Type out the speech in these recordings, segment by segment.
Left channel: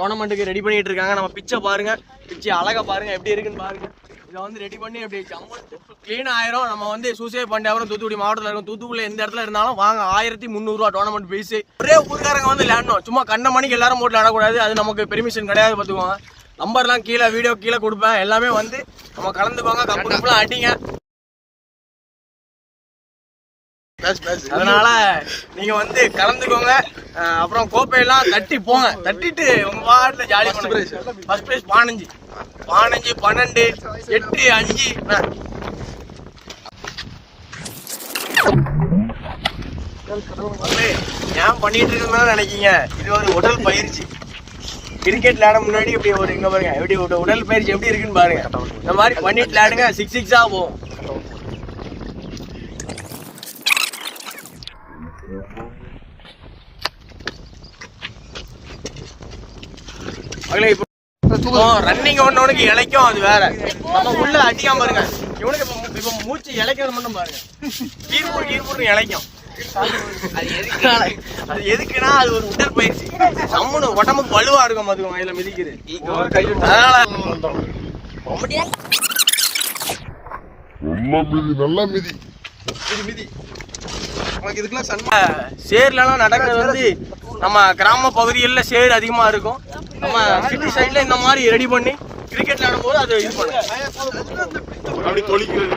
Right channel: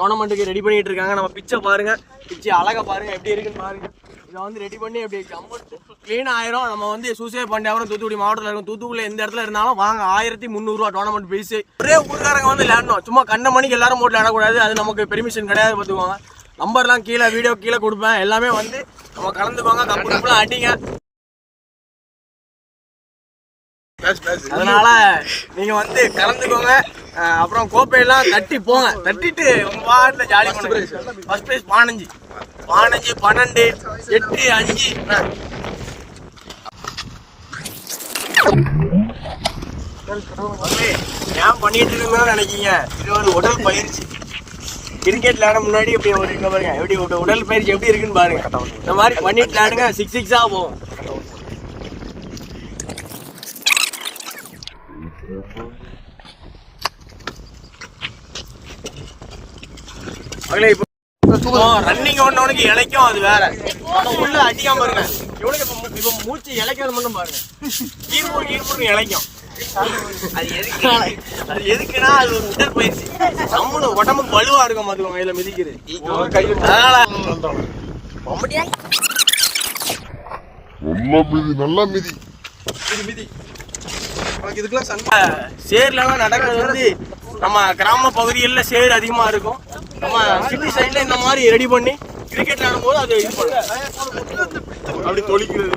டோர்னமெண்ட்டுக்கு ready பண்ணிட்டு இருக்காங்க. நம்ம பிச்சை பாருங்க, பிச்சை அழகா பாருங்க எப்படி இருக்குன்னு பாருங்க. இதை வந்து ரெடி பண்ணி அப்படி கிளீன் ஆயிரும். நம்ம வந்து சூசைட் பண்டியாபுரம் தூத்துக்குடி மாவட்டத்தில் இருக்கும். தூத்துக்குடியில் எந்த இடத்துல இருந்தாலும் வாங்க. 1300 ரூபா டோர்னமெண்ட் பீஸ். ஒரே ஊருக்காரங்க வந்து விளையாடணும். சும்மா கண்ண மணிக்கு எல்லாரும் போட்டு விளையாடக்கூடாது. அது நமக்கு பெர்மிஷன் கிடையாது. பார்த்துக்குவாங்க. நம்பர்லாம் கீழே வீடியோ கீழே கொடுப்பேன். எல்லாமே வந்து நம்ம கலந்துக்கோங்க. கம்பெல்லாம் அடிங்க. அதனால நீங்க வந்து கலந்துக்கோங்க. அப்புறம் கோப்பையெல்லாம் தட்டி போங்க. தட்டிட்டு உங்க வார்டில் ஜாலி பண்ணுங்க. ஃபர்ஸ்ட் பிரைஸ் 15 12 8 5 ஏன் பண்ணிட்டு இருக்கோம்னு நினைக்கீங்க. இது ஒரு உடல் பயிற்சி. கிரிக்கெட் விளையாட முன்னாடி இப்படி ஒரு இங்க பாருங்க எப்படி உடல் பயிற்சி எப்படி இருக்குன்னு பாருங்க. இந்த மாதிரி பண்ணிட்டு விளையாடுங்க. 6 போகும். ரன்னிங் ஒண்ணு இழைக்கும். அது வேற. நம்ம உள்ள அடிக்காம பாருங்க. இவனுக்கு மூச்சு இழைக்கிறது மட்டும் பாருங்க. ஈர்ப்பூர் இழைக்கும். அது எதுக்குன்னா அது ஒரு உடல் பயிற்சி. நம்மனு உடம்பு வலுவா இருக்கும். அது கையில மிதிக்குது. சேர்லாம் நடக்கிறது வந்து நம்ம கிராம பகுதிகளில் சேர் அதிகமா இருக்கும். நம்ம சிட்டி சைட்ல இந்த மாதிரி ரெடி பண்ணி கிரிக்கெட் விளையாடும்போது அது இது அப்படி தொழிக்கிறது.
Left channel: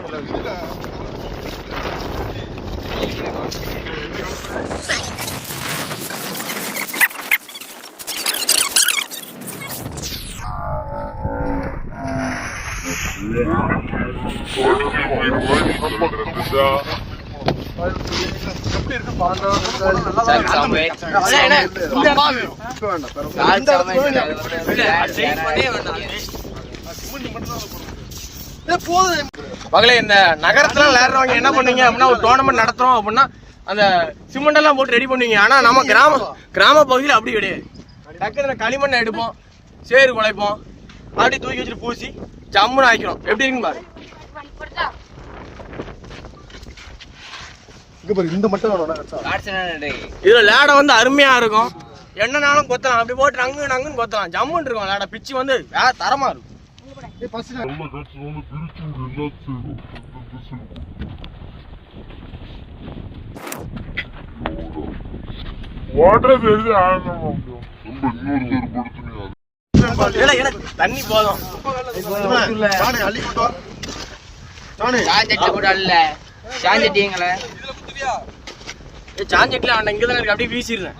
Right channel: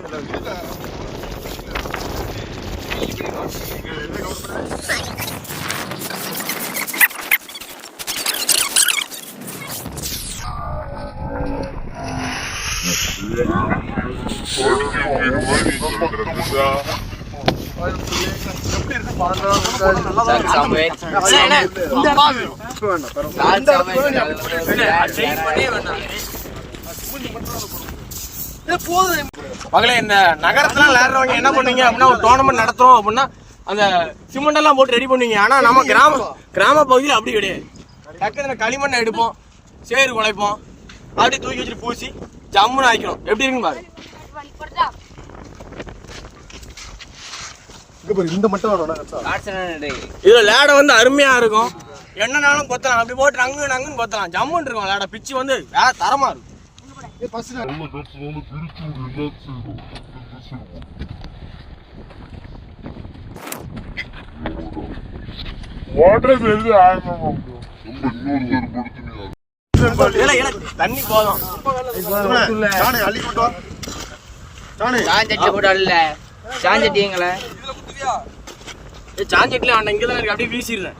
மகளே, இந்த நகரத்துல விளையாடுறவங்க என்ன பண்ணுவீங்க அப்படின்னா, ஒரு டோர்னமெண்ட் நடத்துறோம் அப்படின்னா அந்த சிமெண்ட் எல்லாம் போட்டு ரெடி பண்ணுவீங்க. ஆனா நம்ம கிராம பகுதியில் அப்படி கிடையாது. டக்குன்னு களிமண்ணை எடுப்போம், சேறு குழைப்போம், அப்படி தூக்கி வச்சுட்டு பூசி ஜம்முன்னு ஆயிக்கணும். எப்படி இருக்குன்னு பாருங்க. இதுல லேடை வந்து அருமையா இருக்கும். என்னன்னாலும் கொத்தலாம். அப்படி போட்டு நங்குன்னு கொத்தலாம். ஜம்முன்னு இருக்கும். லேடை பிச்சு வந்து வேற தரமா இருக்கும். தண்ணி போதும். சாஞ்சட்டில இங்கதான் இருக்கு. அப்படியே வீசிடுறேன்.